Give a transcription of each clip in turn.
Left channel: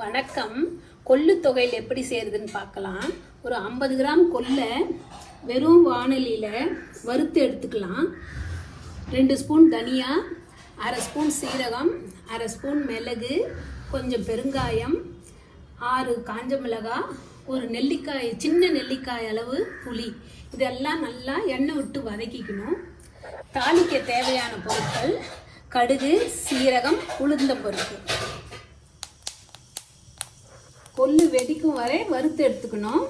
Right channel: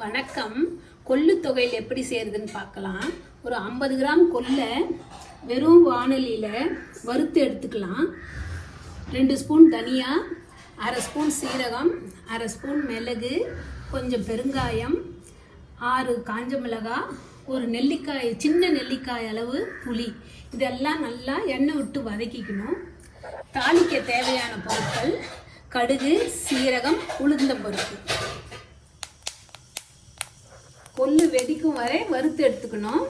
வணக்கம். கொள்ளு தொகையில் எப்படி செய்யறதுன்னு பார்க்கலாம். ஒரு 50 கிராம் கொள்ளை வெறும் வாணலியில் வறுத்து எடுத்துக்கலாம். 2 ஸ்பூன் தனியா, 1/2 ஸ்பூன் சீரகம், 1/2 ஸ்பூன் மிளகு, கொஞ்சம் பெருங்காயம், 6 காஞ்ச மிளகாய், ஒரு நெல்லிக்காய், சின்ன நெல்லிக்காய் அளவு புளி, இதெல்லாம் நல்லா எண்ணெய் விட்டு வதக்கிக்கணும். தாளிக்க தேவையான பொருட்கள்: கடுகு, சீரகம், உளுந்தம் பருப்பு. கொள்ளு வெடிக்கும் வரை வறுத்து எடுத்துக்கணும்.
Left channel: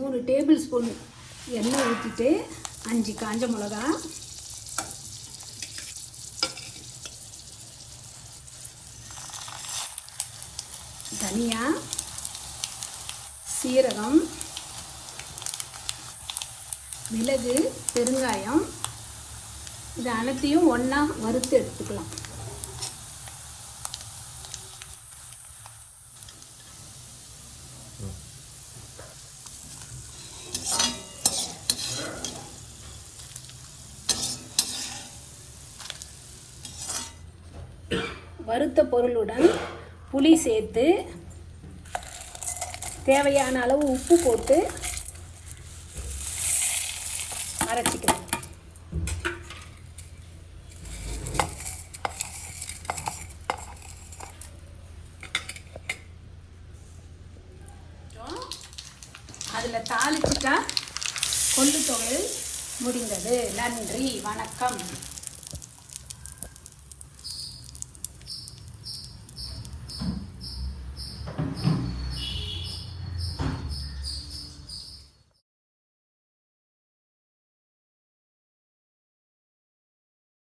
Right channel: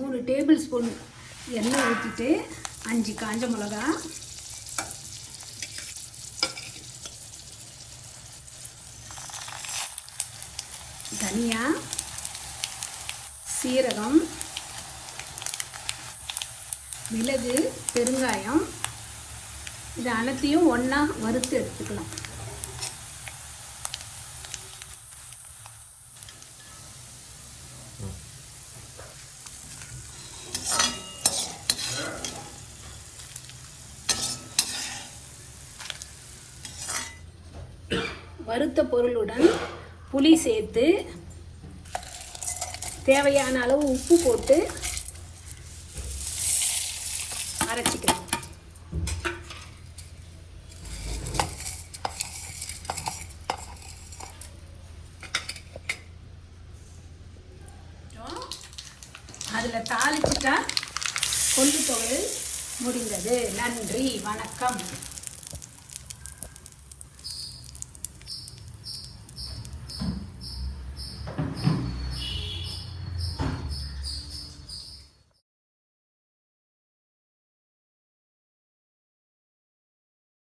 மூணு டேபிள் ஸ்பூன் எண்ணெய் ஊற்றிட்டு 5 காஞ்ச மிளகா, தனியா, சீரகம், மிளகு, பெருங்காயம், இது அனைத்தையும் ஒன்றா வறுத்து எடுத்துக்கலாம். வறுத்த பொருளுடன் புளி சேர்த்து தேவையான அளவு உப்பு போட்டு அரைச்சிக்கலாம். அதில் தாளிச்சுட்டா கொள்ளு தொகை முடிந்தது. நன்றி, வணக்கம்.